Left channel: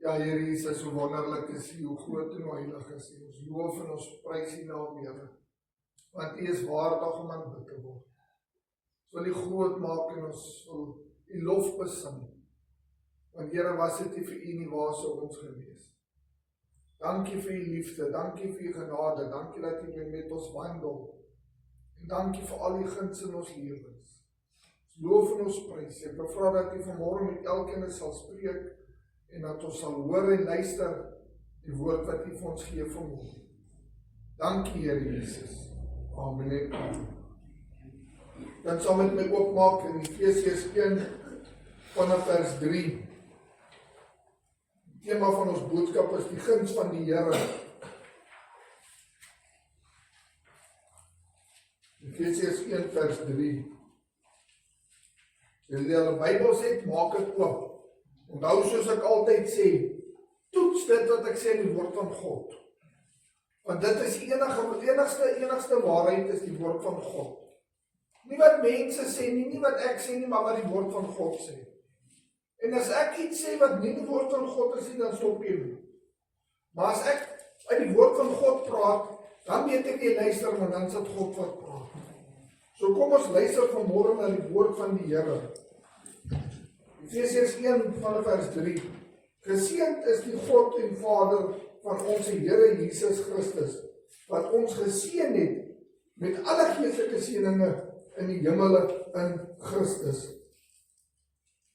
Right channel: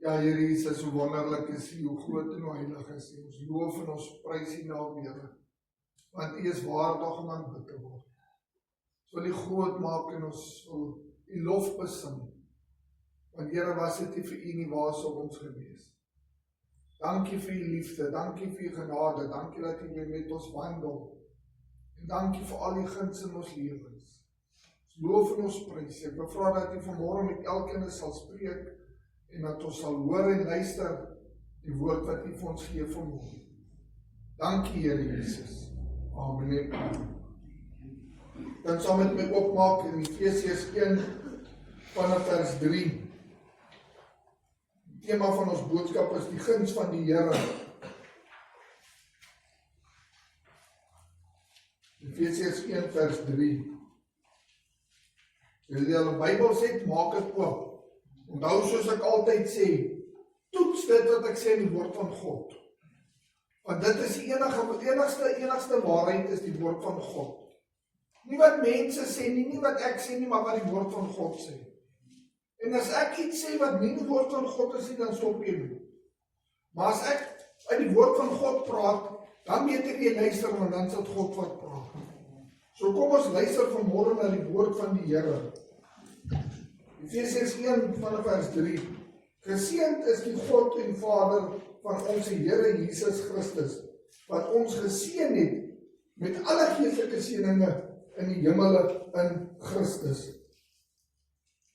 Ja, Here Jesus, hoe wonderlik is U, hoe groot en hoe heilig is U. Ons loof en ons prys U naam, Here. Want U is waardig om aanbid te word. Ons wil U groot maak en ons wil U lof besing. Want Here, was dit nie vir U nie, waar sou ons gewees. Dankie vir U liefde, dankie vir U genade, dankie dat U weer met ons wandel. En dankie vir al die guns in ons lewens. Ons loof en ons prys. Ek bevra dat U vanmôre met elkeen sal spreek en dat ons sal hoor en luister die woord wat U vir ons gee vanmôre. Dankie, Here Jesus. Amen. Dan sal met my oopmaak in Efesiërs 1 vanaf vers 3. Die tema van ons boodskap is die guns van die Here. Efesiërs 1 vers 3. As jy al 'n Bybel het, maak dit oop. Onthou, soos ek altyd sê, toets dit wat ek sê in die woord van God. Want dit is die enigste waarheid is die woord van God. Nie wat mense sê nie, nie wat ek sê nie, maar wat die woord van God sê. En as ek iets sê wat nie die woord van God is nie, dan stop ek nie. Maar as ek uit die woord van God praat, dan weet ek jy luister, want dan is dit God wat praat. So kom ons luister vanmôre na die woord van die Here. Efesiërs 1 vanaf vers 3. Geseënd is die God en Vader van ons Here Jesus Christus, wat ons geseën het met alle geestelike seëninge in die hemele in Christus.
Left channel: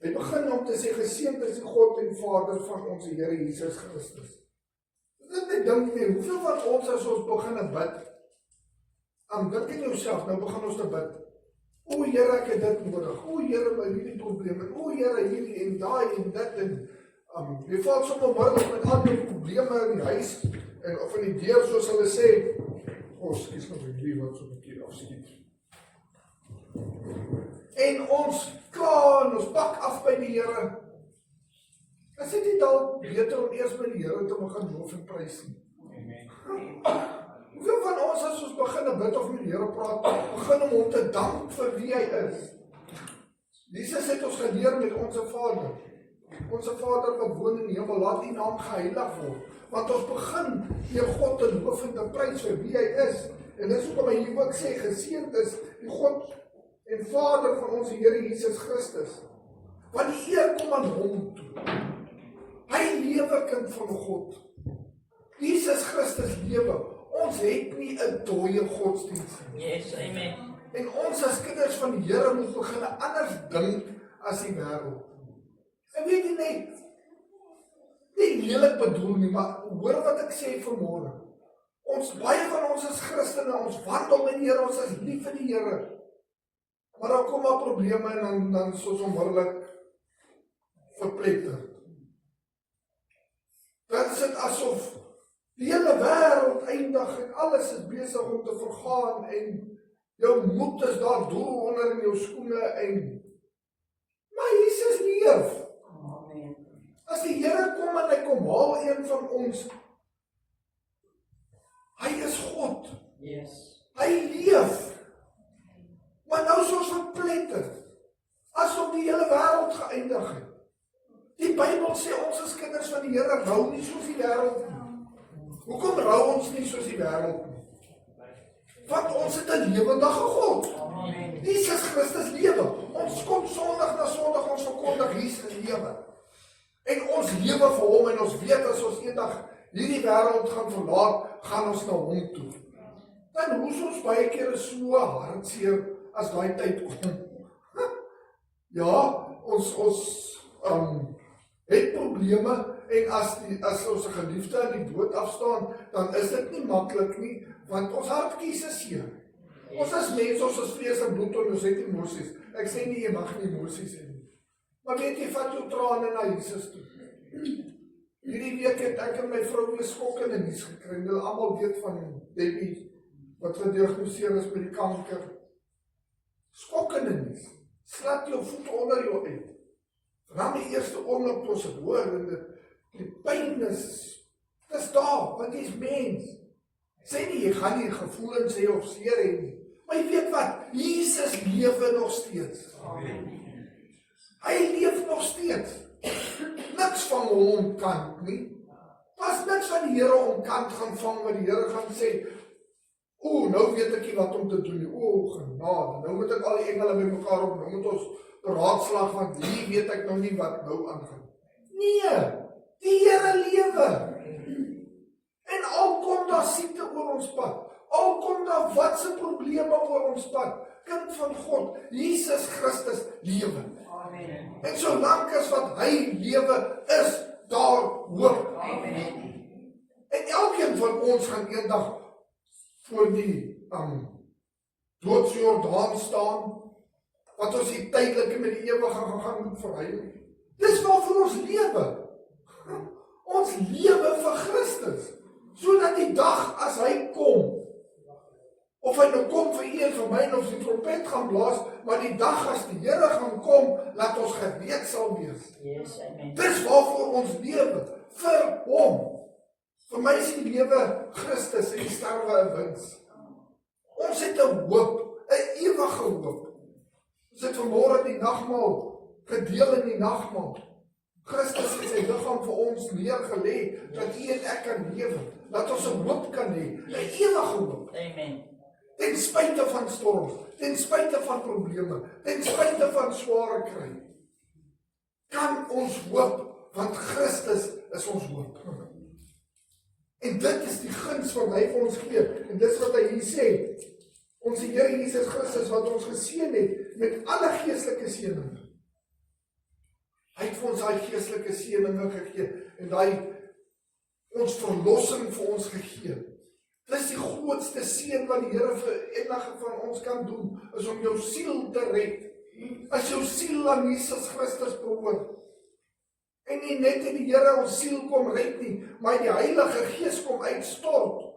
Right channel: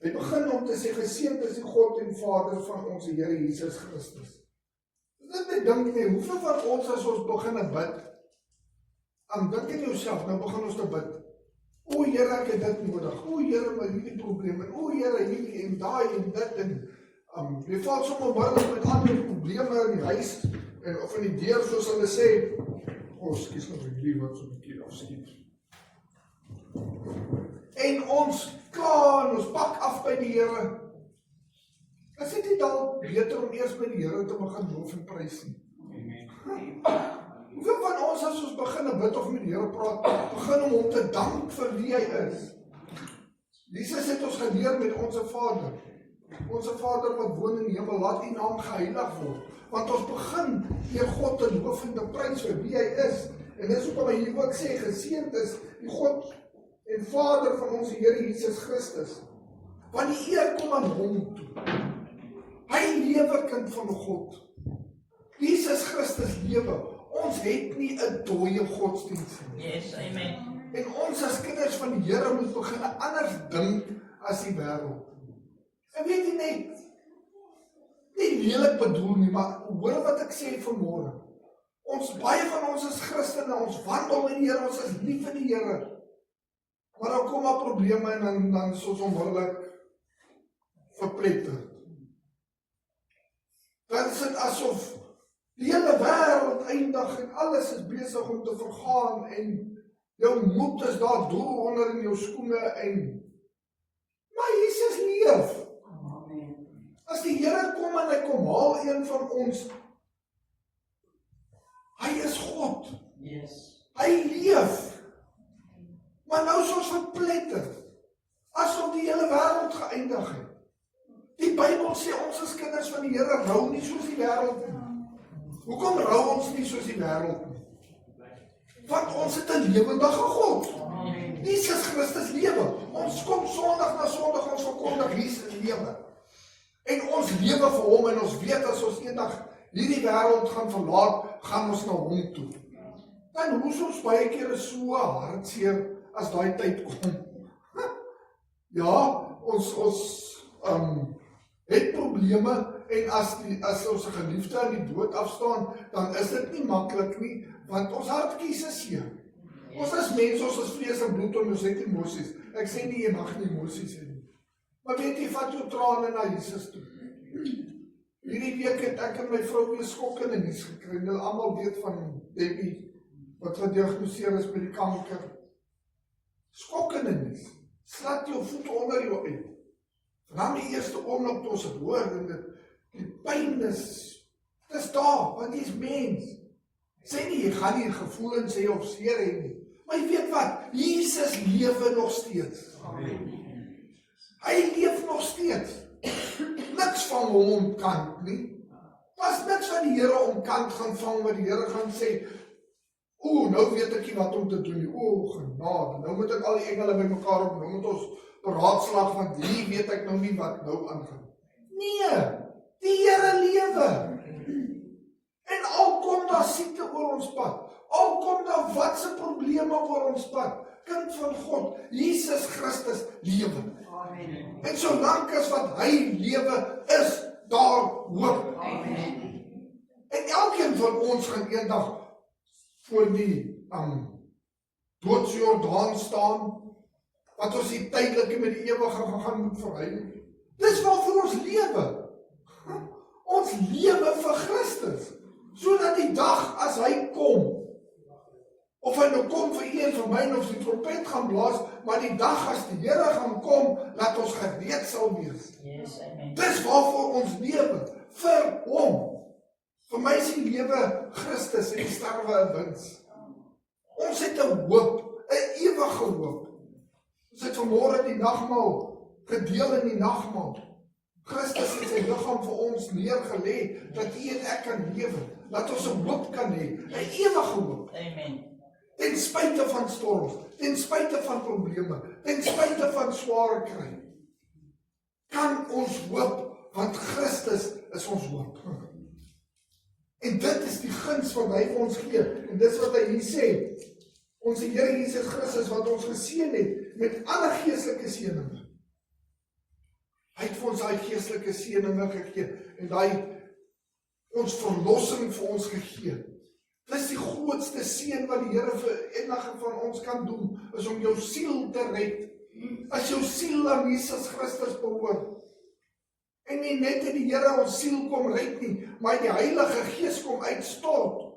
Hy begin om te sê, geseënd is die God en Vader van ons Here Jesus Christus. Dit net dink nie, hoeveel van ons as ons begin bid, dink in jouself, nou begin ons te bid. O Here, ek het dit nodig. O Here, my hierdie probleem. En o Here, hierdie en daai en dit en jy val sommer onmiddellik met ander probleme in die huis en of in die deur, soos hulle sê. Skus nou vir wie wat so 'n bietjie afskiet. En ons kla en ons pak af by die Here. Is dit nie dalk beter om eers by die Here te begin loof en prys nie? Amen. Hoeveel van ons as ons begin bid of met die Here praat, begin om hom te dank vir wie hy is. Jesus het ons geleer met onze Vader. Onze Vader wat woon in die hemel, laat die naam geheilig word. Want ons begin deur God te loof en te prys vir wie hy is. En dis hoekom hy hier ook sê, geseënd is die God en Vader van ons Here Jesus Christus. Want die eer kom aan hom toe. Hy lewe kind van God. Jesus Christus lewe. Ons het nie 'n dooie godsdienst nie. Yes, amen. En ons as kinders van die Here moet begin anders dink as die wêreld. En weet jy net, nie lelik bedoel nie, maar hoor wat ek sê vanmôre. Baie van ons is Christene, ons wandel met die Here, ons is lief vir die Here. Maar dan kom daar probleme en dan is ons onmiddellik verpletter. Dan is dit asof die hele wêreld eindig en alles is besig om te vergaan en jou moed is daar doel onder in jou skoene maar Jesus leef. Amen. As die Here kom en hy kom haal een van ons, hy is God. Yes. Hy leef. Maar nou is ons verpletter, asof die hele wêreld geëindig het. Die Bybel sê ons as kinders van die Here rou nie soos die wêreld nie. Hoekom rou ons nie soos die wêreld nie? Want ons het 'n lewendige God. Amen. Jesus Christus lewe. Ons kom Sondag na Sondag, ons verkondig Jesus lewe. En ons lewe vir hom en ons weet as ons eendag hierdie wêreld gaan verlaat, gaan ons na hom toe. Dan hoes ons baie kere so hartseer as daai tyd kom. Ja, ons het probleme en as ons geliefde aan die dood afstaan, dan is dit nie maklik nie, want ons hartjies is seer. Ons is mense, ons is vlees en bloed en ons het emosies. Ek sê nie, jy mag nie emosies hê nie. Maar weet jy, vat jou trane na Jesus toe. Hierdie week het ek en my vrou weer skokkende nuus gekry. Julle almal weet van Debbie, wat gediagnoseer is met die kanker. Skokkende nuus. Slat jou voete onder jou uit. Vanaf die eerste oomblik toe ons het hoor, en die pyn is daar, want jy is mens. Sê nie, jy gaan nie gevoelens hê of seer hê nie. Maar jy weet wat, Jesus lewe nog steeds. Amen. Hy leef nog steeds. niks van hom omkant nie. Daar's niks van die Here omkant gaan vang, wat die Here gaan sê, nou weet ek nie wat om te doen nie, genade, nou moet ek al die engele bymekaar op, nou moet ons beraadslag, want hier weet ek nou nie wat nou aangaan. Nee, die Here lewe. En al kom daar siekte oor ons pad, al kom daar watse probleme oor ons pad, kind van God, Jesus Christus lewe. Amen. En solank as wat hy lewe, is daar hoop. Amen. En elkeen van ons gaan eendag voor die doodsjordaan staan, wat ons die tydelike met die ewige gaan moet verruil. Dis waarvoor ons lewe. Ons lewe vir Christus, sodat die dag as hy kom, of hy nou kom vir een van my, of die trompet gaan blaas, maar die dag as die Here gaan kom, laat ons gereed sal wees. Yes, amen. Dis waarvoor ons lewe, vir hom. Vir my is die lewe Christus en die sterwe 'n wins. Ons het 'n hoop, 'n ewige hoop. Ons het vanmôre die nagmaal gedeel in die nagmaal. Christus het sy liggaam vir ons neergelê, dat u en ek kan lewe, dat ons 'n hoop kan hê, 'n ewige hoop. Amen. Ten spyte van storms, ten spyte van probleme, ten spyte van sware kry, kan ons hoop, want Christus is ons hoop. En dit is die guns wat hy vir ons gee. En dis wat hy hier sê. Ons Here Jesus Christus wat ons geseën het met alle geestelike seëninge. Hy het vir ons daai geestelike seëninge gegee en daai ons verlossing vir ons gegee. Dis die grootste seën wat die Here vir enige van ons kan doen, is om jou siel te red. As jou siel aan Jesus Christus behoort. En nie net in die Here ons siel kom red nie, maar die Heilige Gees kom uitstort.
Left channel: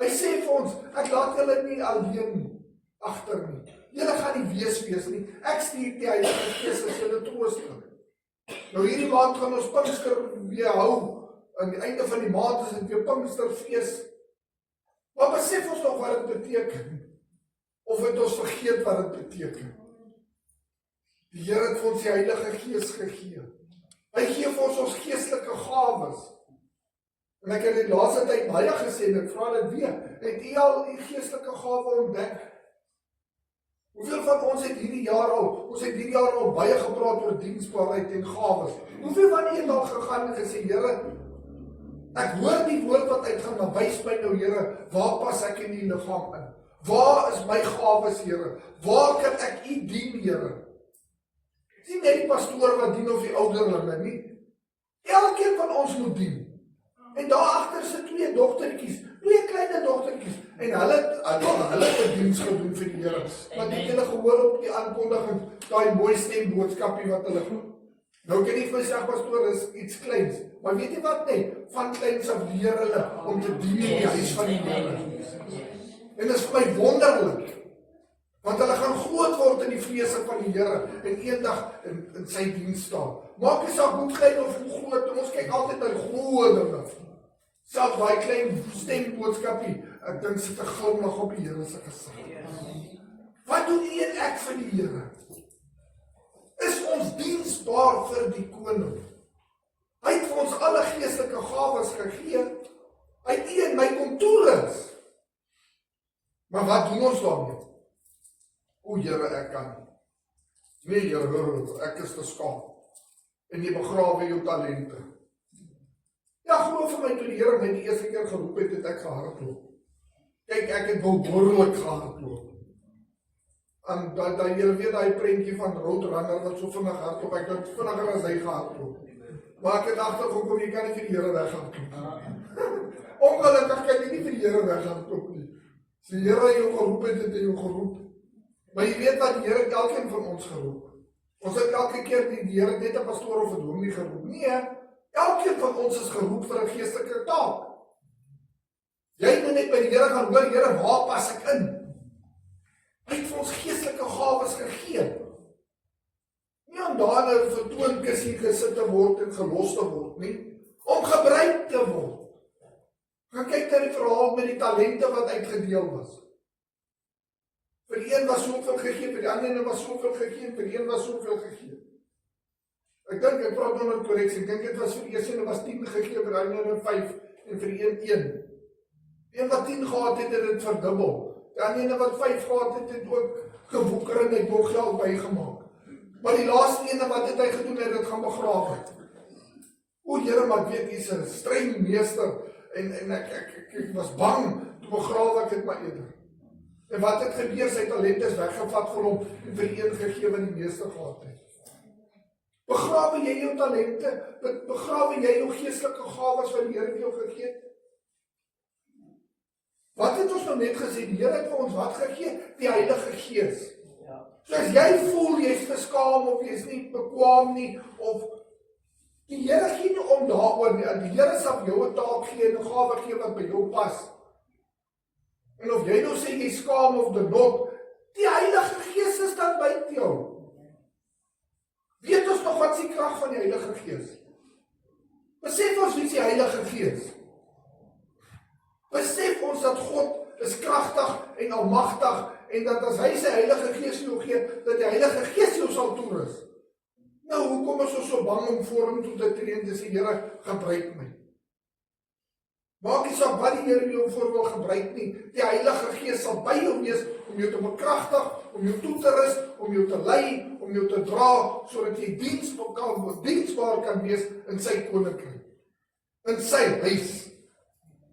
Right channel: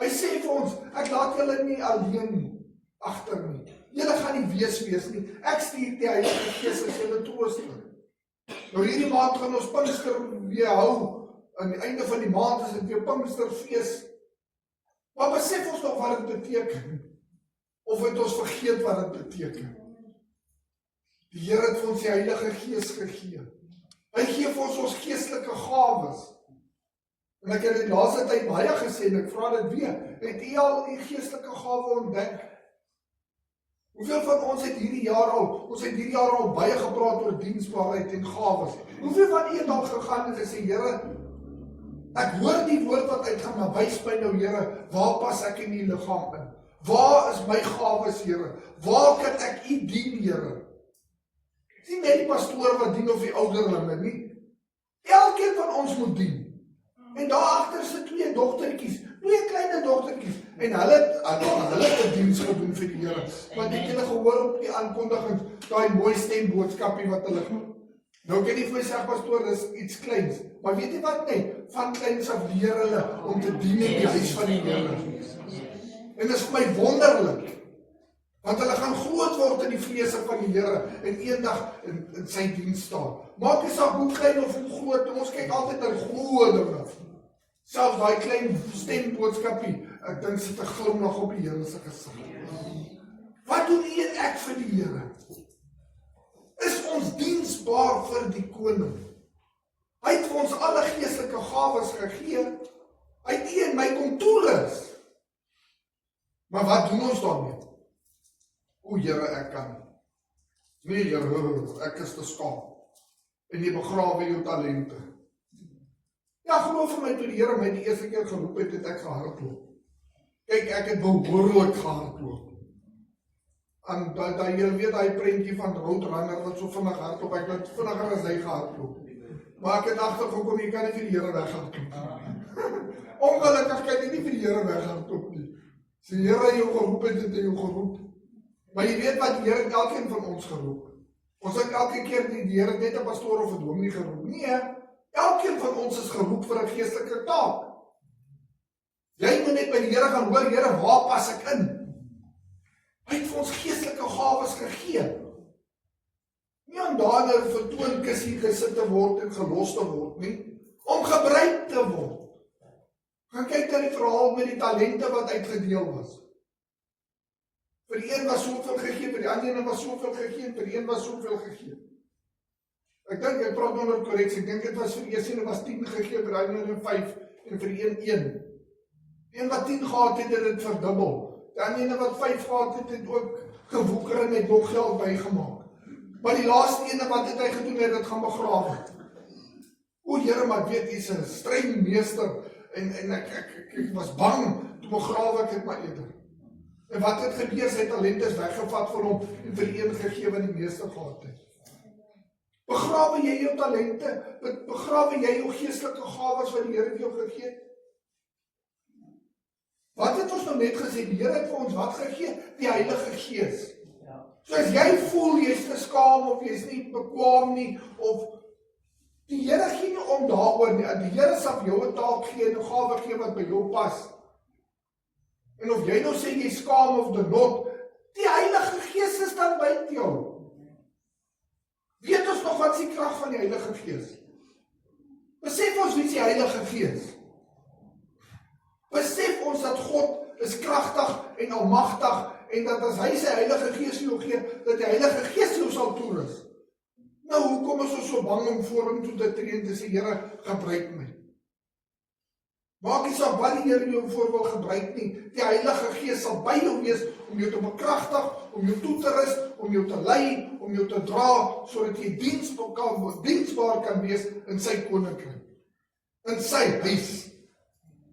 Hy sê vir ons, ek laat julle nie alleen agter nie. Julle gaan nie wees nie. Ek stuur die Heilige Gees as julle trooster. Nou hierdie maand gaan ons Pinkster weer hou. Aan die einde van die maand is dit weer Pinksterfees. Maar besef ons nog wat dit beteken? Of het ons vergeet wat dit beteken? Die Here het vir ons die Heilige Gees gegee. Hy gee vir ons geestelike gawes. En ek het dit laaste tyd baie gesê, en ek vra dit weer, het u al die geestelike gawe ontdek? Hoeveel van ons het hierdie jaar al baie gepraat oor diensbaarheid en gawes? Hoeveel van u het al gegaan en gesê, Here, ek hoor die woord wat uitgaan, maar wys my nou, Here, waar pas ek in die liggaam in? Waar is my gawes, Here? Waar kan ek u dien, Here? Nie net die pastoor wat dien of die ouderlinge nie. Elkeen van ons moet dien. En daar agter is 2 dogtertjies, 2 kleine dogtertjies, en hulle het 'n diens gedoen vir die Here. Want ek het hulle gehoor op die aankondiging, daai mooi stemboodskapie wat hulle doen. Nou kan nie vir my sê, pastoor, is iets kleins. Maar weet jy wat nie? Van kleins af leer hulle om te dien in die huis van die Here. En dit is vir my wonderlik. Want hulle gaan groot word in die vrese van die Here en eendag in sy diens staan. Maak nie saak hoe klein of hoe groot, ons kyk altyd aan groot dinge. Selfs daai klein stemboodskapie, ek dink sit 'n glimlag op die Here se gesig. Wat doen u en ek vir die Here? Is ons diensbaar vir die koning? Hy het vir ons alle geestelike gawes gegee. Hy het u en my kom toerus. Maar wat doen ons daarmee? O Here, ek kan. Nee Here, ek is te skaam. En jy begrawe jou talente. Ja, geloof vir my, toe die Here my die eerste keer geroep het, het ek gehardloop. Kyk, ek het behoorlik gehardloop. En dan jy weet daai prentjie van Roadrunner wat so vinnig hardloop, ek het vinniger as hy gehardloop. Maar ek het agtergekom, jy kan nie vir die Here weghardloop. Ongelukkig kan jy nie vir die Here weghardloop nie. As die Here jou geroep het, het hy jou geroep. Maar jy weet wat, die Here het elkeen van ons geroep. Ons het elke keer die Here net 'n pastoor of 'n dominee geroep. Nee, elkeen van ons is geroep vir 'n geestelike taak. Jy moet net by die Here gaan hoor, Here, waar pas ek in? Hy het vir ons geestelike gawes gegee. Nie om daar 'n vertoonkussie gesit te word en gelos te word nie, om gebruik te word. Gaan kyk na die verhaal met die talente wat uitgedeel was. Vir die een was soveel gegee, vir die ander was soveel gegee, vir die een was soveel gegee. Ek dink, ek praat onder korreksie, ek dink dit was vir die eerste en was 10 gegee, vir die ander 5 en vir die een. Die een wat 10 gehad het, het dit verdubbel. Die ene wat 5 gehad het, het ook gewoeker en het nog geld bygemaak. Maar die laaste ene wat het hy gedoen, het dit gaan begrawe. O Here, maar ek weet, hy is 'n streng meester, en ek was bang, toe begrawe ek het maar eerder. En wat het gebeur, sy talente is weggevat vir hom, en vir die een gegee wat die meeste gehad het. Begrawe jy jou talente, begrawe jy jou geestelike gawes wat die Here vir jou gegee het? Wat het ons nou net gesê, die Here het vir ons wat gegee? Die Heilige Gees. So as jy voel, jy is geskaam, of jy is nie bekwaam nie, of die Here gee nie om daaroor nie, die Here sal jou 'n taak gee, en 'n gawe gee wat by jou pas. En of jy nou sê jy skaam of dit not, die Heilige Gees is dan by jou. Weet ons nog wat is die krag van die Heilige Gees? Besef ons wie is die Heilige Gees? Besef ons dat God is kragtig en almagtig, en dat as hy sy Heilige Gees jou gee, dat die Heilige Gees jou sal toerus. Nou, hoekom is ons so bang om voor hom toe te tree en te sê, Here, gebruik my? Maak nie saak wat die Here jou voor wil gebruik nie, die Heilige Gees sal by jou wees, om jou te bekragtig, om jou toe te rus, om jou te lei, om jou te dra, sodat jy diensbaar kan wees in sy koninkryk, in sy huis.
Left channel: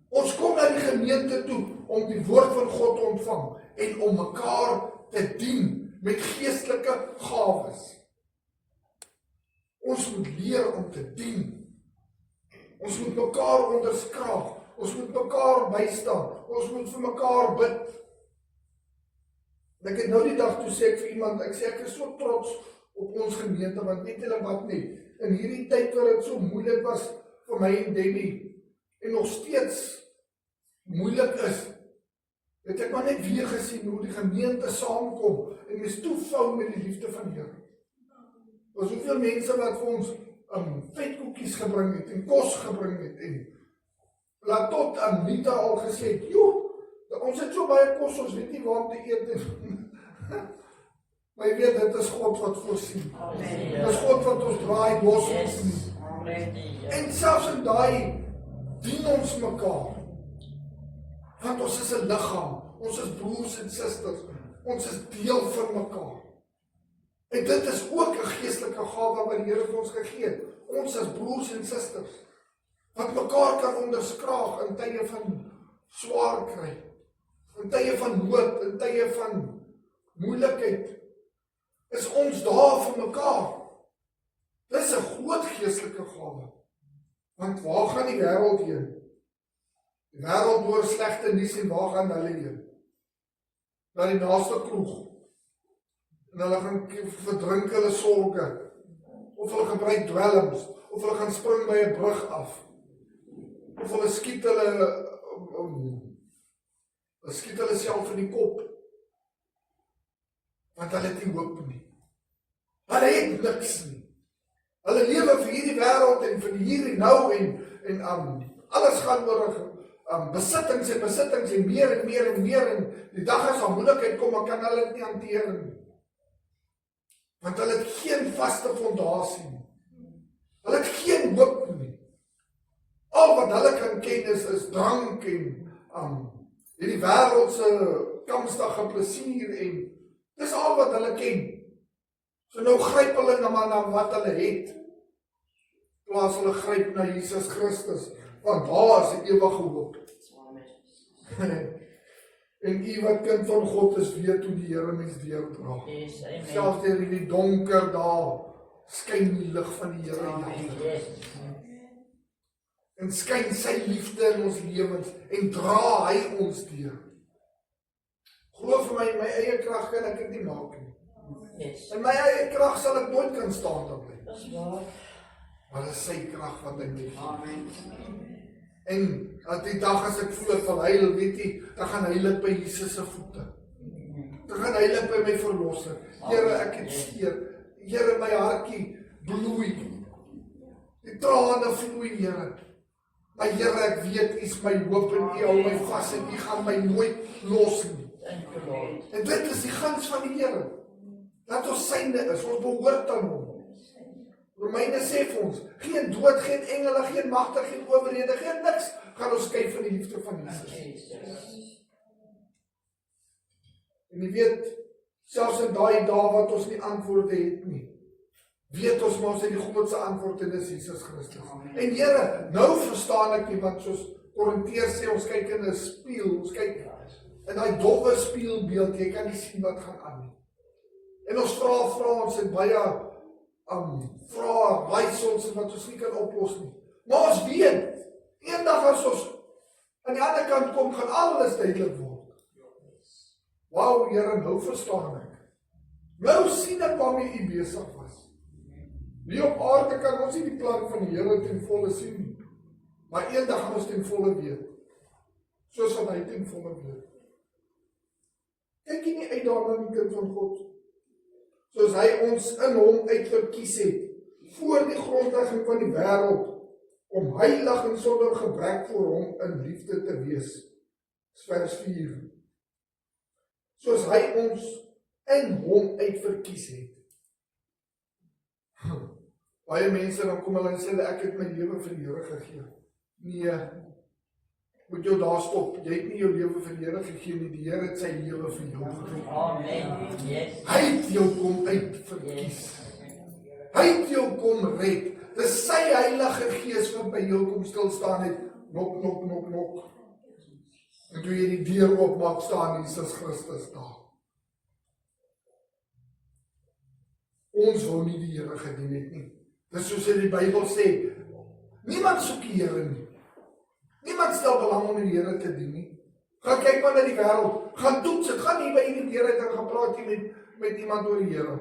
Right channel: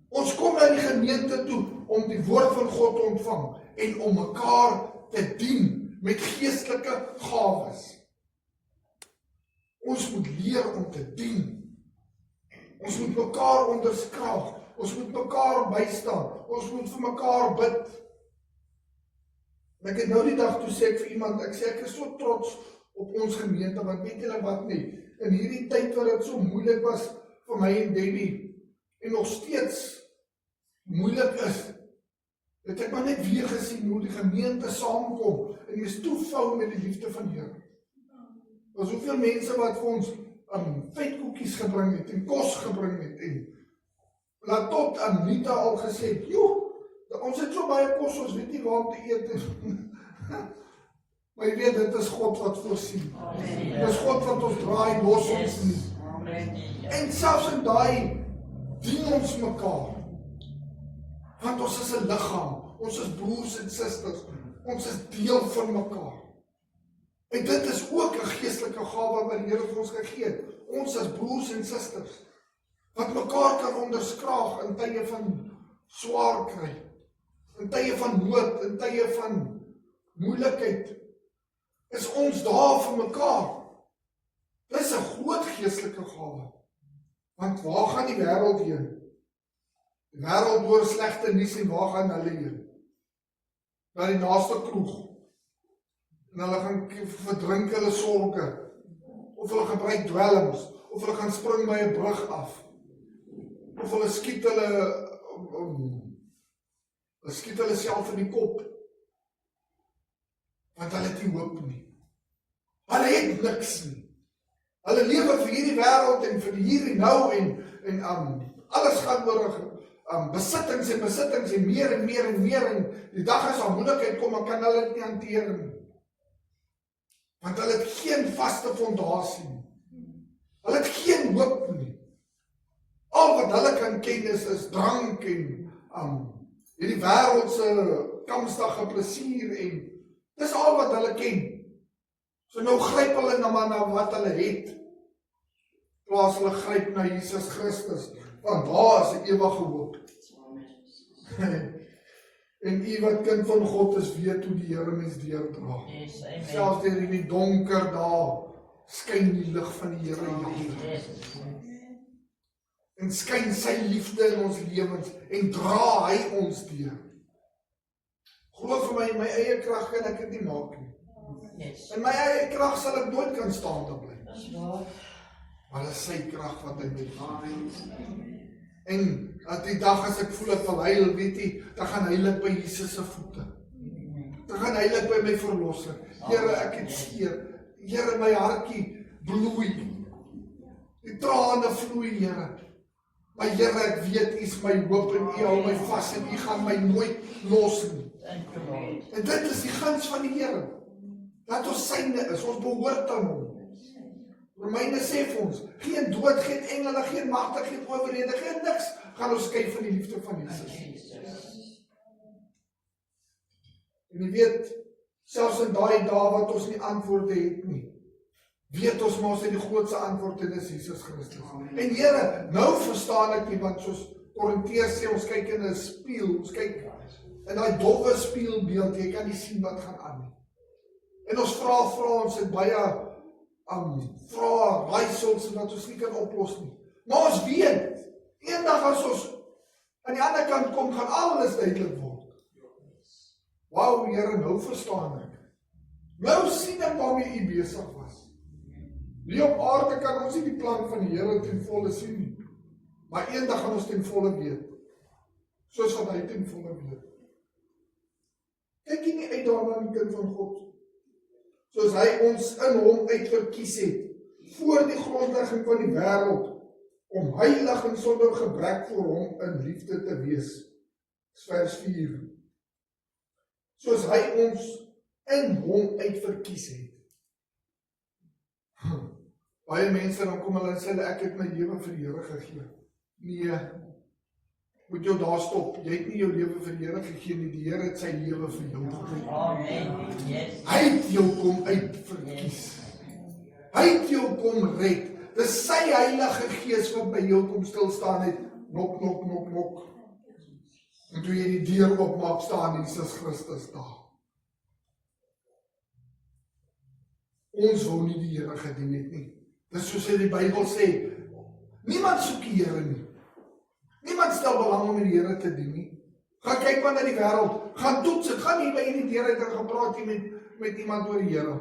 Ons kom na die gemeente toe, om die woord van God te ontvang, en om mekaar te dien, met geestelike gawes. Ons moet leer om te dien. Ons moet mekaar onderskraag. Ons moet mekaar bystaan. Ons moet vir mekaar bid. En ek het nou die dag toe sê ek vir iemand, ek is so trots op ons gemeente, want weet julle wat nie, in hierdie tyd waar dit so moeilik was vir my en Debbie, en nog steeds moeilik is, het ek maar net weer gesien hoe die gemeente saamkom, en jy is toevou met die liefde van Here. Er was soveel mense wat vir ons vetkoekies gebring het, en kos gebring het, en laat tot Anita al gesê het, joh, ons het so baie kos, ons weet nie waar om te eet. Maar jy weet, dit is God wat voorsien. Dit is God wat ons draai, los ons nie. En selfs in daai dien ons mekaar. Want ons is 'n liggaam, ons is broers en susters, ons is deel van mekaar. En dit is ook 'n geestelike gawe wat die Here vir ons gegee het. Ons is broers en susters, wat mekaar kan onderskraag in tye van swaar kry, in tye van nood, in tye van moeilikheid, is ons daar vir mekaar. Dis 'n groot geestelike gawe. Want waar gaan die wêreld heen? Die wêreld hoor slegte nuus en waar gaan hulle heen? Na die naaste kroeg. En hulle gaan verdrink hulle sorge, of hulle gebruik dwelms, of hulle gaan spring by 'n brug af, of hulle skiet hulle self in die kop, want hulle het nie hoop nie. Hulle het niks nie. Hulle lewe vir hierdie wêreld en vir die hier en nou, en alles gaan oor besittings en meer en meer en meer, en die dag as daar moeilikheid kom, dan kan hulle dit nie hanteer nie. Want hulle het geen vaste fondasie nie. Hulle het geen hoop nie. Al wat hulle kan ken is drank en hierdie wêreldse kamstige plesier, en dis al wat hulle ken. So nou gryp hulle na wat hulle het, plaas hulle gryp na Jesus Christus, want daar is 'n ewige hoop. En u wat kind van God is, weet hoe die Here mens deurdra. Selfs deur in die donker dae skyn die lig van die Here. En skyn sy liefde in ons lewens en dra hy ons deur. Glo vir my, in my eie krag kan ek dit nie maak nie. In my eie krag sal ek nooit kan staan te bly. Maar dit is sy krag wat hy my gee. En aan die dag as ek voel ek wil huil, weet jy, dan gaan huil by Jesus se voete. Dan gaan huil by my verlosser. Here, ek het seer. Here, my hartjie bloei. Die trane vloei, Here. Maar Here, ek weet, U is my hoop en U hou my vas en U gaan my nooit los nie. En dit is die guns van die Here. Dat ons syne is, ons behoort aan hom. Romeine sê vir ons, geen dood, geen engele, geen magte, geen owerhede, geen niks gaan ons skei van die liefde van Jesus. En jy weet, selfs in daai dae wat ons nie antwoorde het nie, weet ons maar ons het die grootste antwoord en dis Jesus Christus. En Here, nou verstaan ek nie, want soos Korinteërs sê, ons kyk in 'n spieël, ons kyk in daai dowwe spieelbeeld, jy kan nie sien wat gaan aan nie. En ons vra, ons het baie vrae, raaisels wat ons nie kan oplos nie. Maar ons weet, eendag as ons aan die ander kant kom, gaan alles duidelik word. Wauw, Here, nou verstaan ek. Nou sien ek waarmee U besig was. Nie op aarde kan ons nie die plan van die Here ten volle sien nie. Maar eendag gaan ons ten volle weet. Soos wat hy ten volle weet. Kyk jy nie uit daarna die kind van God? Soos hy ons in hom uitverkies het, voor die grondlegging van die wêreld, om heilig en sonder gebrek voor hom in liefde te wees. Vers 4. Soos hy ons in hom uitverkies het. Baie mense dan kom hulle en sê, ek het my lewe vir die Here gegee. Nee, moet jou daar stop. Jy het nie jou lewe vir die Here gegee nie, die Here het sy lewe vir jou gegee. Amen. Yes. Hy het jou kom uitverkies. Hy het jou kom red. Dis sy Heilige Gees wat by jou kom stilstaan het. Nok, nok, nok, nok. En toe jy die deur oopmaak, staan Jesus Christus daar. Ons wil nie die Here gedien het nie. Dis soos die Bybel sê, niemand soek die Here nie. Niemand stel belang om die Here te dien nie. Gaan kyk maar na die wêreld, gaan toets het, gaan nie by die deur uit en gaan praat jy met iemand oor die Here.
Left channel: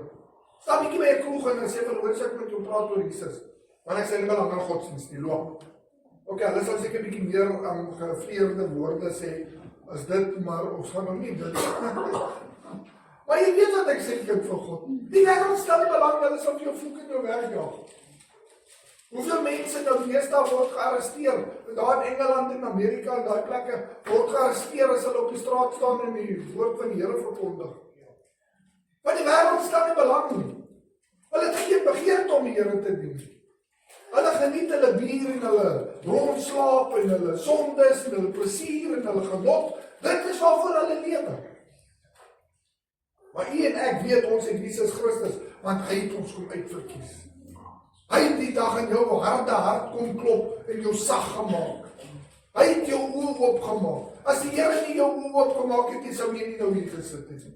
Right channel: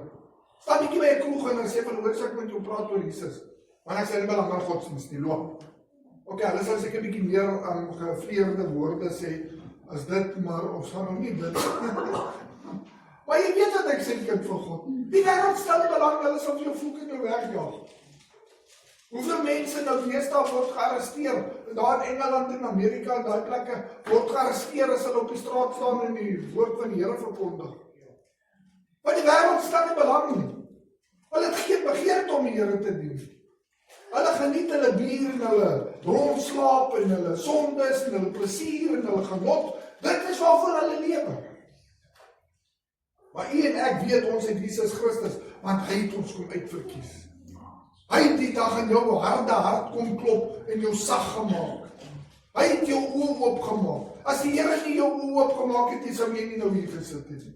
Staan bietjie by 'n kroeg en sê, hoor ek met jou praat oor Jesus. Want ek sê nie belang aan godsdienst nie, loop. Ok, hulle sal seker bietjie meer gevleerde woorde sê, as dit, maar ons gaan nog nie dit. Maar jy weet wat ek sê, kind van God. Die wêreld stel nie belang, hulle sal vir jou vloek en jou wegjaag. Hoeveel mense nou deesdae word gearresteer, daar in Engeland en Amerika en daai plekke, word gearresteer as hulle op die straat staan en die woord van die Here verkondig. Want die wêreld stel nie belang nie. Hulle het geen begeerte om die Here te dien. Hulle geniet hulle bier en hulle rondslaap en hulle sondes en hulle plesier en hulle genot. Dit is waarvoor hulle lewe. Maar u en ek weet ons het Jesus Christus, want hy het ons kom uitverkies. Hy het die dag in jou harde hart kom klop en jou sag gemaak. Hy het jou oë oopgemaak. As die Here nie jou oë oopgemaak het, sou jy nie nou hier gesit het nie.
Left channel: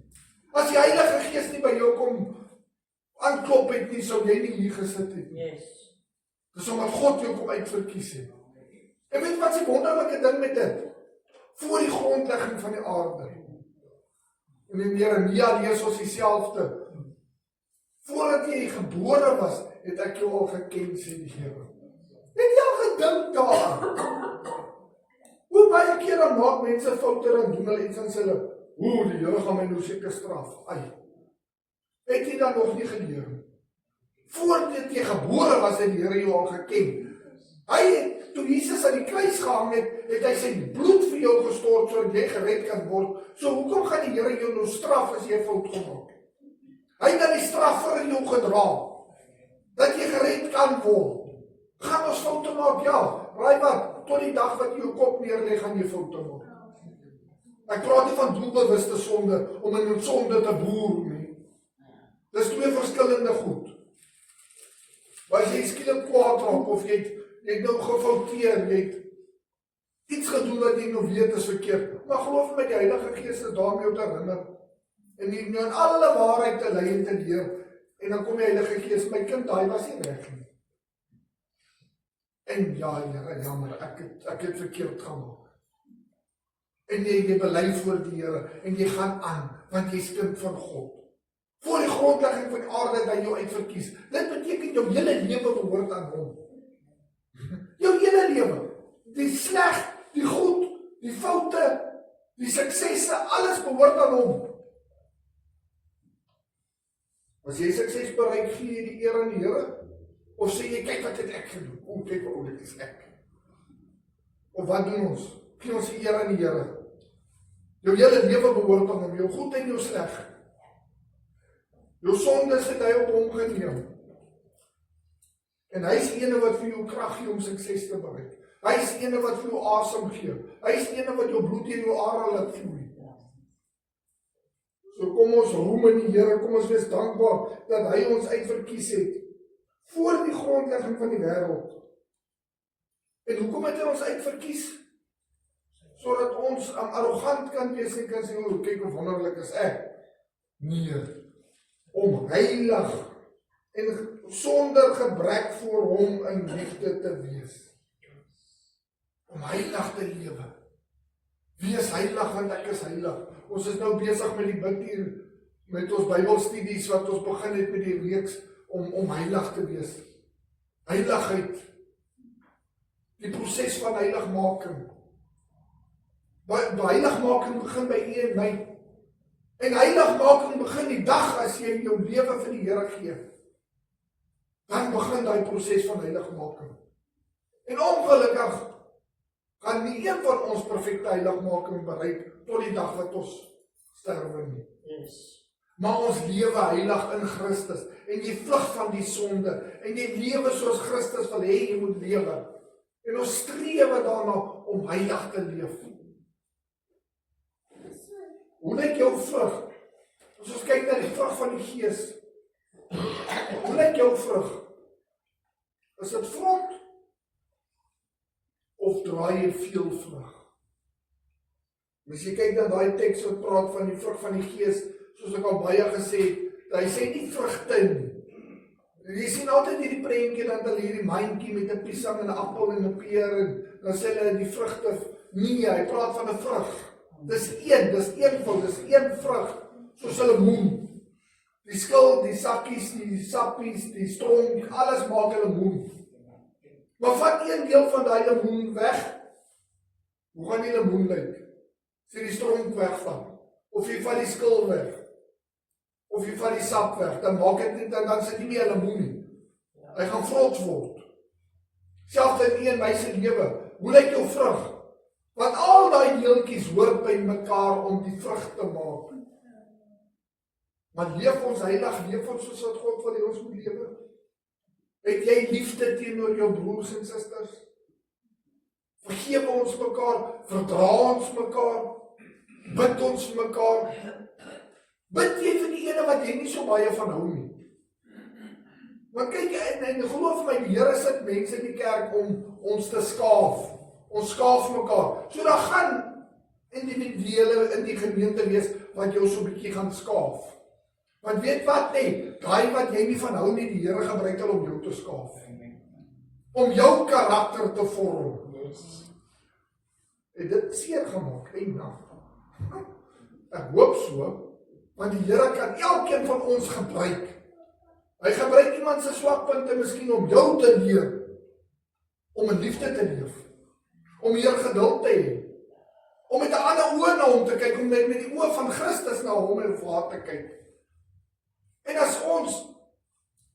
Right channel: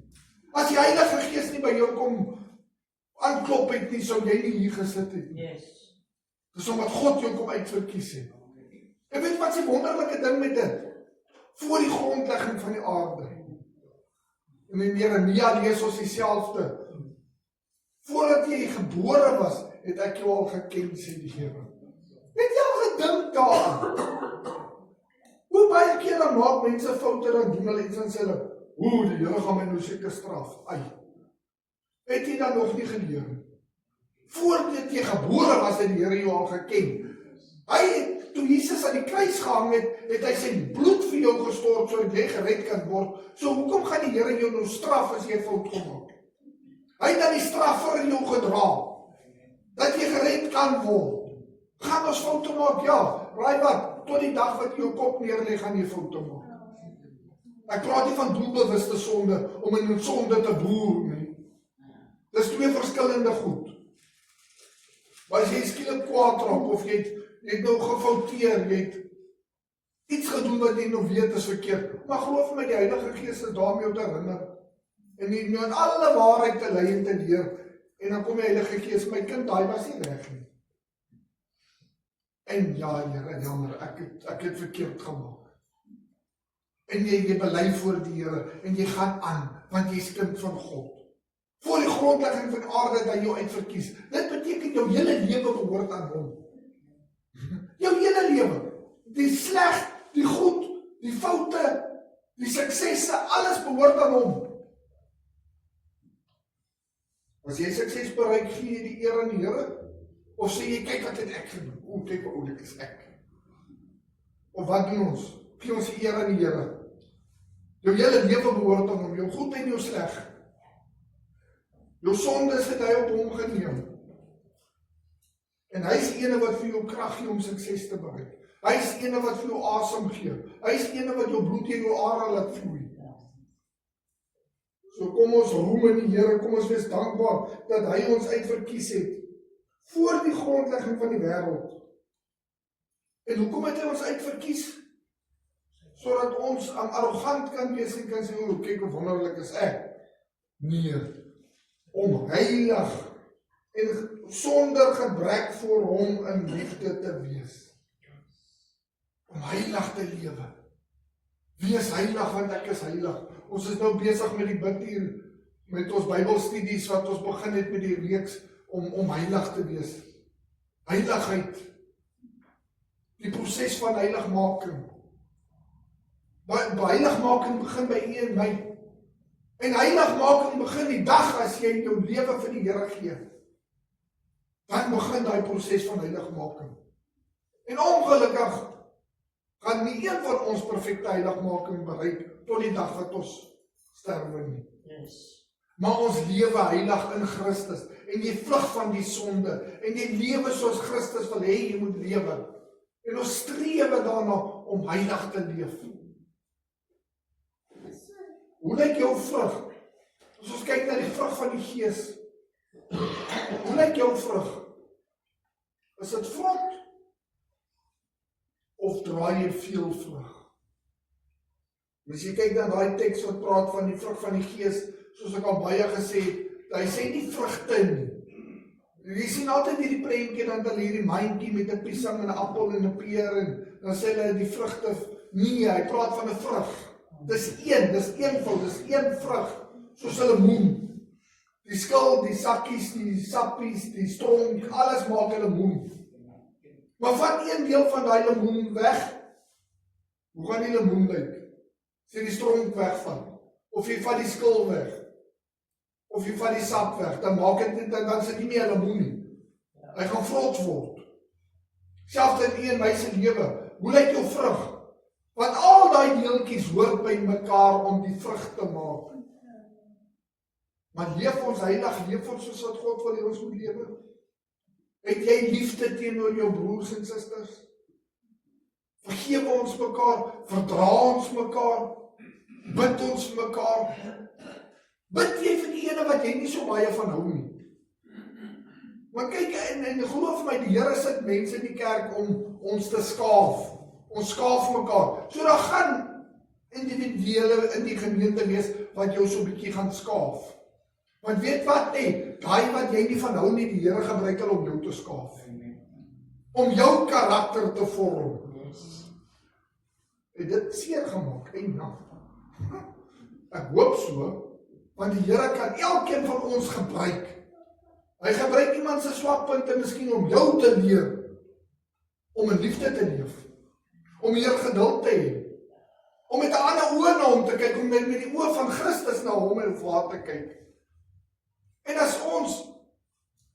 As die Heilige Gees nie by jou kom aanklop het nie, sou jy nie hier gesit het nie. Yes. Dis omdat God jou kom uitverkies het. En weet wat die wonderlike ding met dit? Voor die grondlegging van die aarde. En in Jeremia lees ons dieselfde. Voordat jy gebore was, het ek jou al geken, sê die Here. Het jy al gedink daaraan? Hoe baie keer dan maak mense foute, dan doen hulle iets en sê hulle, die Here gaan my nou seker straf. Ai. Het jy dan nog nie geleer? Voordat jy gebore was, het die Here jou al geken. Hy het, toe Jesus aan die kruis gehang het, het hy sy bloed vir jou gestort, sodat jy gered kan word. So hoekom gaan die Here jou nou straf as jy fout gemaak het? Hy het dan die straf vir jou gedra, dat jy gered kan word. Gaan ons foute maak? Ja. Raai wat? Tot die dag wat jy jou kop neerleg, gaan jy foute maak. Ek praat nie van doelbewuste sonde, om in sonde te boer nie. Dis twee verskillende goed. Maar as jy skielik kwaad raak, of jy het nou gefouteer, jy het iets gedoen wat jy nou weet is verkeerd, maar geloof my, die Heilige Gees is daar om jou te herinner, en jy nou in alle waarheid te lei en te leer, en dan kom die Heilige Gees, my kind, daai was nie reg nie. En ja, Here, jammer, ek het verkeerd gemaak. En jy bely voor die Here, en jy gaan aan, want jy is kind van God. Voor die grondlegging van die aarde dat jou uitverkies. Dit beteken jou hele lewe behoort aan hom. Jou hele lewe. Die sleg, die goed, die foute, die suksesse, alles behoort aan hom. As jy sukses bereik, gee jy die eer aan die Here? Of sê jy, kyk wat het ek gedoen? Kyk wat oulik is ek. Of wat doen ons? Gee ons die eer aan die Here. Jou hele lewe behoort aan hom, jou goed en jou sleg. Jou sondes het hy op hom geneem. En hy is ene wat vir jou krag gee om sukses te bereik. Hy is ene wat vir jou asem gee. Hy is ene wat jou bloed in jou are laat vloei. So kom ons roem in die Here, kom ons wees dankbaar dat hy ons uitverkies het voor die grondlegging van die wêreld. En hoekom het hy ons uitverkies? Sodat ons arrogant kan wees en kan sê, o, kyk hoe wonderlik is ek. Nee, om heilig en sonder gebrek voor hom in liefde te wees. Om heilig te lewe. Wees heilig want ek is heilig. Ons is nou besig met die bid hier, met ons Bybelstudies wat ons begin het met die reeks om heilig te wees. Heiligheid. Die proses van heiligmaking. Heiligmaking begin by u en my. En heiligmaking begin die dag as jy jou lewe vir die Here gee. Dan begin daai proses van heiligmaking. En ongelukkig gaan nie een van ons perfekte heiligmaking bereik tot die dag wat ons sterwe nie. Yes. Maar ons lewe heilig in Christus en jy vlug van die sonde en jy lewe soos Christus wil hê jy moet lewe. En ons strewe daarna om heilig te leef. Hoe lyk jou vrug? As ons kyk na die vrug van die Gees. Hoe lyk jou vrug? Is dit vrot? Of draai jy veel vrug? As jy kyk na daai teks wat praat van die vrug van die Gees, soos ek al baie gesê het, hy sê nie vrugte nie. Jy sien altyd hierdie prentjie dan hulle hierdie mandjie met 'n piesang en 'n appel en 'n peer en dan sê hulle die vrugte. Nee, hy praat van 'n vrug. Dis een vrug, soos 'n lemoen. Die skil, die sakkies, die sappies, die stronk, alles maak 'n lemoen. Maar vat een deel van daai lemoen weg. Hoe gaan die lemoen lyk? As jy die stronk wegvat, of jy vat die skil weg, of jy vat die sap weg, dan maak dit dan sit nie meer 'n lemoen nie. Hy gaan vrot word. Selfs in een my se lewe. Hoe lyk jou vrug? Want al daai deeltjies hoort by mekaar om die vrug te maak. Maar leef ons heilig, leef ons soos wat God wil hê ons moet lewe? Het jy liefde teenoor jou broers en susters? Vergewe ons mekaar, verdra ons mekaar, bid ons vir mekaar. Bid jy vir die ene wat jy nie so baie van hou nie. Want kyk, en geloof my, die Here sit mense in die kerk om ons te skaaf. Ons skaaf mekaar. So daar gaan individuele in die gemeente wees wat jou so 'n bietjie gaan skaaf. Want weet wat nee, daai wat jy nie van hou nie, die Here gebruik hulle om jou te skaaf. Om jou karakter te vorm. Het dit seer gemaak, Ek hoop so, want die Here kan elkeen van ons gebruik. Hy gebruik iemand se swakpunte miskien om jou te leer, om in liefde te leef, om meer geduld te hê, om met 'n ander oë na hom te kyk, om met die oë van Christus na hom en vir haar te kyk. En as ons,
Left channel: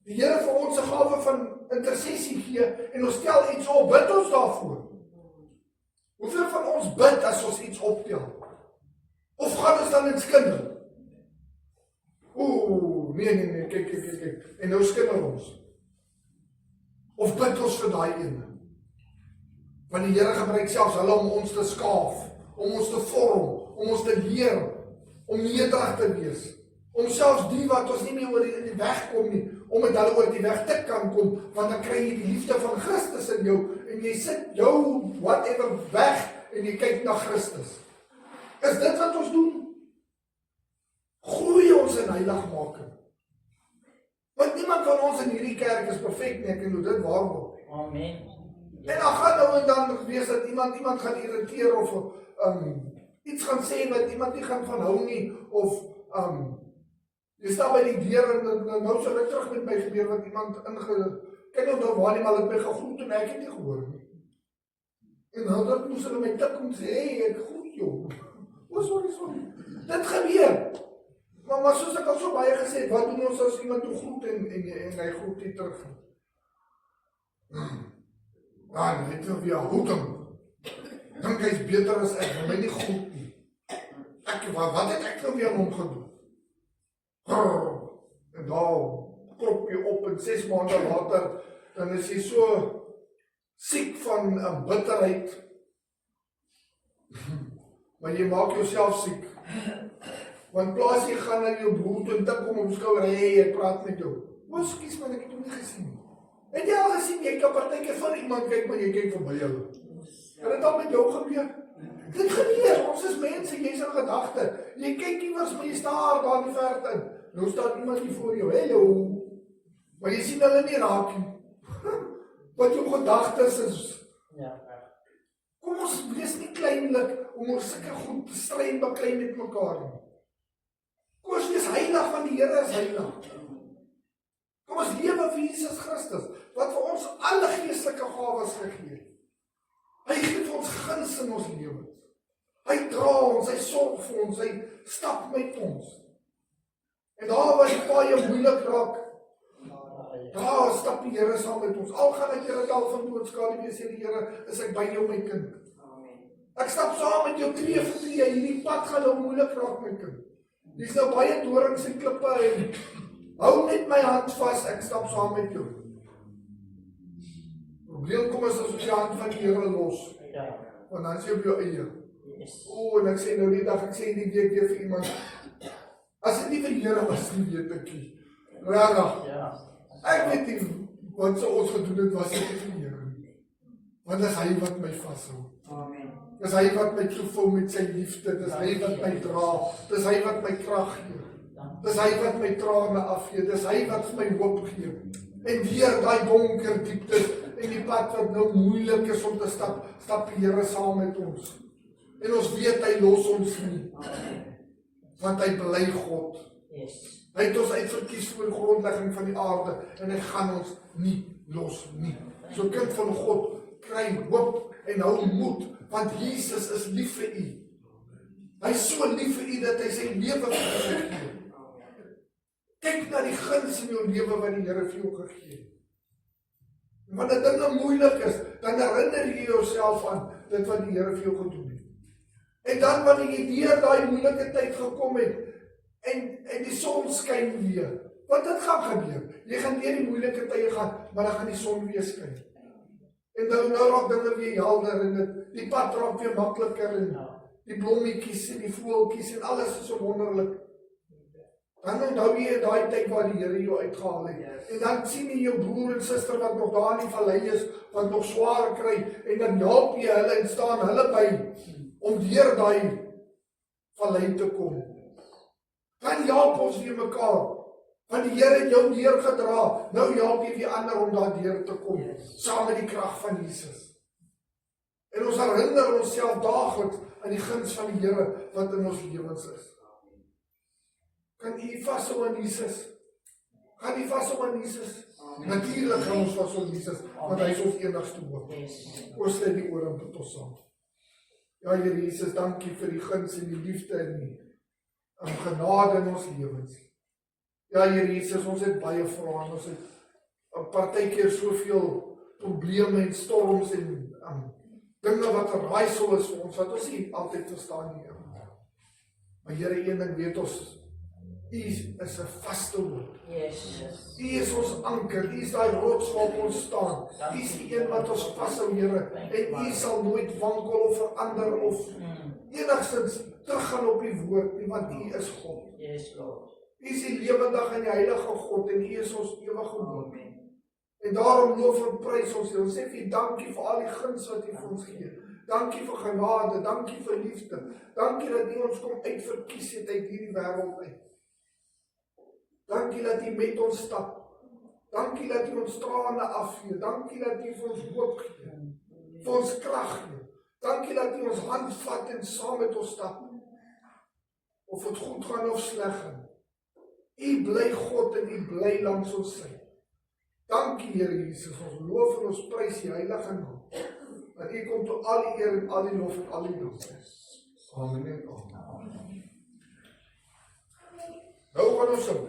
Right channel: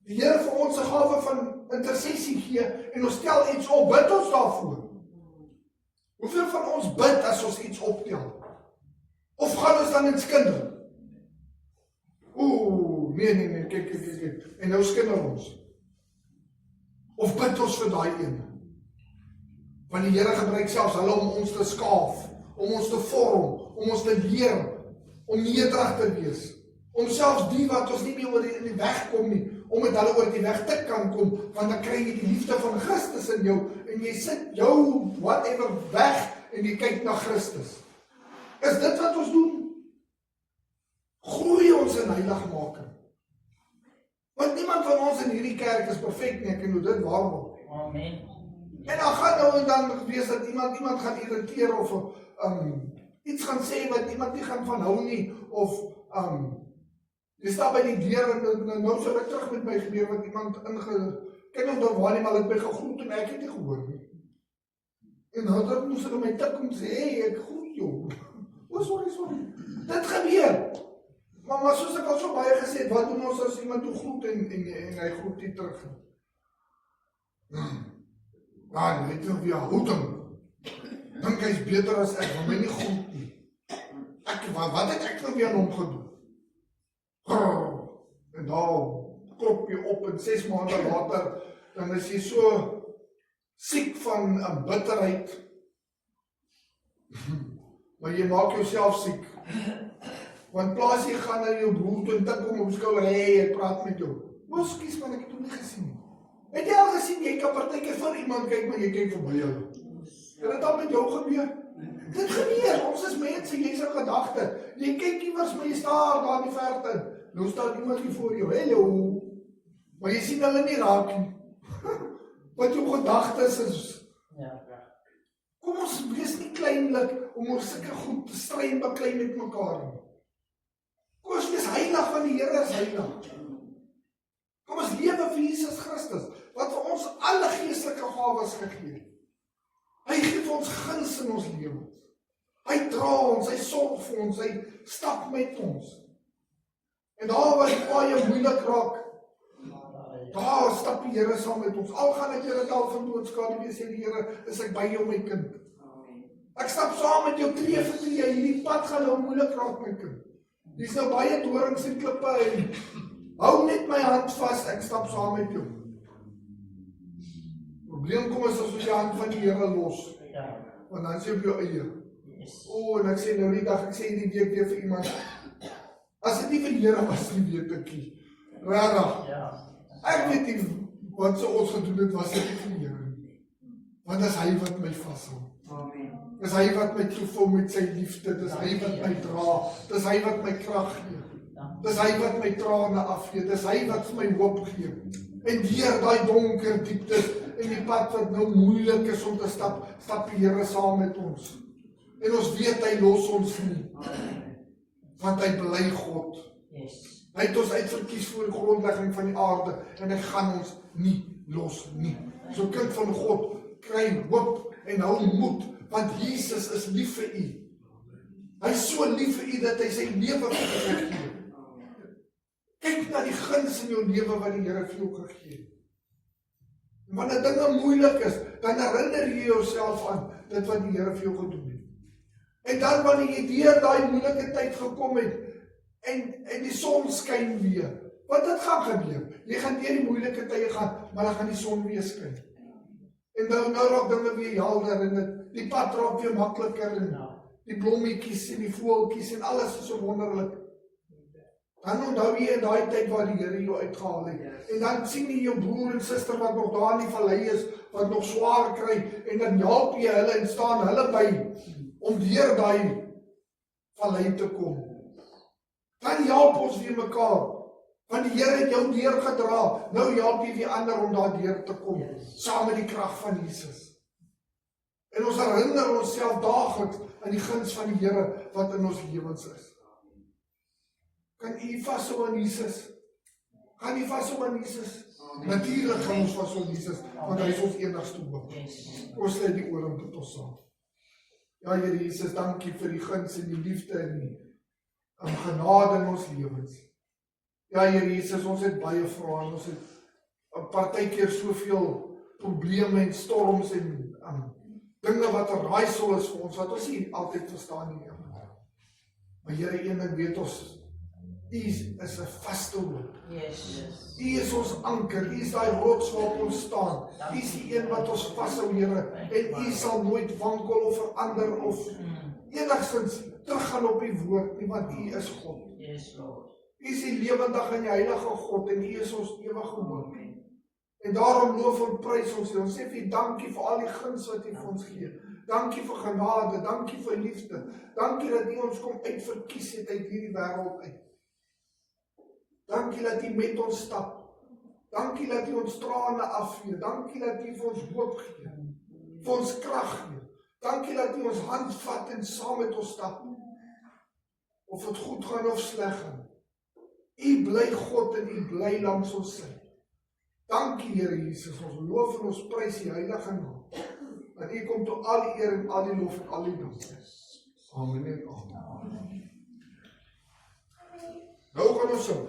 die Here vir ons 'n gawe van intersessie gee, en ons stel iets op, bid ons daarvoor. Hoeveel van ons bid as ons iets optel? Of gaan ons dan in skinder? Nee, kyk. En nou skinder ons. Of bid ons vir daai ene? Want die Here gebruik selfs hulle om ons te skaaf, om ons te vorm, om ons te leer, om nederig te wees. Om selfs die wat ons nie meer oor in die weg kom nie, om met hulle oor die weg te kan kom, want dan kry jy die liefde van Christus in jou, en jy sit jou whatever weg, en jy kyk na Christus. Is dit wat ons doen? Groei ons in heiligmaking. Want niemand van ons in hierdie kerk is perfek nie, ek kan dit waar word. Amen. En dan gaan nou en dan wees dat iemand gaan irriteer, of iets gaan sê wat iemand nie gaan van hou nie, of jy staan by die deur en nou sal ek terug met my gebeur wat iemand kyk nou waar nie, maar ek by gegroet en ek het nie gehoor nie. En dan moes hulle my tik om sê, hey, ek groet jou. Sorry. Dit gebeur. Maar soos ek al so baie gesê het, wat doen ons as iemand toe groet en hy groet nie terug? Nee, dit is weer houding. Dink hy is beter as ek, want my nie groet nie. Wat het ek nou weer aan hom gedoen? En daar klop jy op en 6 maande later dan is jy so siek van 'n bitterheid, maar jy maak jouself siek. Want plaas jy gaan na jou broer toe en tik hom op skouer, hy praat met jou. Ekskuus man, ek het hom nie gesien nie. Het jy al gesien, jy kan partykeer van iemand kyk, maar jy kyk verby hulle. Kan dit al met jou gebeur? Dit gebeur, ons is mense, jy is 'n gedagte. Jy kyk iewers, maar jy staar daar in die verte. Nou staan iemand hier voor jou, hello. Maar jy sien hulle nie raak nie. Wat jou gedagtes is. Kom ons wees nie kleinlik om ons sulke goed te stry en baklei met mekaar nie. Kom ons wees heilig, want die Here is heilig. Kom ons lewe vir Jesus Christus, wat vir ons alle geestelike gawes gegee het. Hy gee vir ons guns in ons lewe. Hy dra ons, hy sorg vir ons, hy stap met ons. En daar waar die paai moeilik raak, daar stap die Here saam met ons. Al gaan ek deur 'n dal van doodskade wees, sê die Here, is ek by jou my kind. Ek stap saam met jou tree vir tree, hierdie pad gaan nou moeilik raak my kind. Dis nou baie dorings en klippe en hou net my hand vas, ek stap saam met jou. Probleem kom as ons die hand van die Here los. Want dan sê op jou eie. En ek sê nou die dag, ek sê die week weer vir iemand, as dit nie vir die Here was nie, weet ek nie. Rarig. Ek weet nie, wat so ons gedoen het, was dit nie vir die Here nie. Want dis hy wat my vashou. Dis hy wat my toevul met sy liefde, dis hy wat my dra, dis hy wat my krag gee. Dis hy wat my trane afgee, dis hy wat vir my hoop gee. En deur daai donker dieptes en die pad wat nou moeilik is om te stap, stap die Here saam met ons. En ons weet hy los ons nie. Want hy bly God. Hy het ons uitverkies voor die grondlegging van die aarde en hy gaan ons nie los nie. So kind van God, kry hoop en hou moed, want Jesus is lief vir u. Hy is so lief vir u dat hy sy lewe vir u gee. Kyk na die guns in jou lewe wat die Here vir jou gegee het. Wanneer dinge moeilik is, dan herinner jy jouself aan dit wat die Here vir jou gedoen het. En dan wanneer jy deur daai moeilike tyd gekom het en die son skyn weer, want dit gaan gebeur. Jy gaan deur die moeilike tye gaan, maar dan gaan die son weer skyn. En nou raak dinge weer helder en die pad raak weer makliker en die blommetjies en die voeltjies en alles is so wonderlik. Dan onthou jy in daai tyd waar die Here jou uitgehaal het. En dan sien jy jou broer en suster wat nog daar in die vallei is, wat nog swaar kry, en dan help jy hulle en staan hulle by om deur daai vallei te kom. Dan help ons weer mekaar. Want die Here het jou deurgedra, nou help jy die ander om daar deur te kom, saam met die krag van Jesus. En ons herinner onsself daagliks aan die guns van die Here wat in ons lewens is. Kan u vashou aan Jesus? Gaan u vashou aan Jesus? Natuurlik gaan ons vashou aan Jesus, want hy is ons enigste hoop. Ons sluit die ore tot ons saam. Ja, Here Jesus, dankie vir die guns en die liefde en die genade in ons lewens. Ja, Here Jesus, ons het baie vrae en ons het 'n partykeer soveel probleme en storms en dinge wat 'n raaisel is vir ons, wat ons nie altyd verstaan nie, Here. Maar Here, een ding weet ons, U is 'n vaste hoop. U is ons anker, U is daai rots waarop ons staan. U is die een wat ons vashou, Here, en U sal nooit wankel of verander of enigstens teruggaan op U woord nie, want U is God. U is die lewendige en die heilige God en U is ons ewige hoop. En daarom loof en prys ons U. Ons sê vir U dankie vir al die guns wat U vir ons gee. Dankie vir genade, dankie vir liefde. Dankie dat U ons kom uitverkies het uit hierdie wêreld uit. Dankie dat U met ons stap. Dankie dat U ons trane afvee. Dankie dat U vir ons hoop gee. Vir ons krag gee. Dankie dat U ons hand vat en saam met ons stap. Of dit goed gaan of sleg gaan. U bly God en U bly langs ons sy. Dankie Here Jesus, ons loof en ons prys U heilige naam. Want U kom tot al die eer en al die lof en al die dank. Amen en amen. Nou gaan ons sing.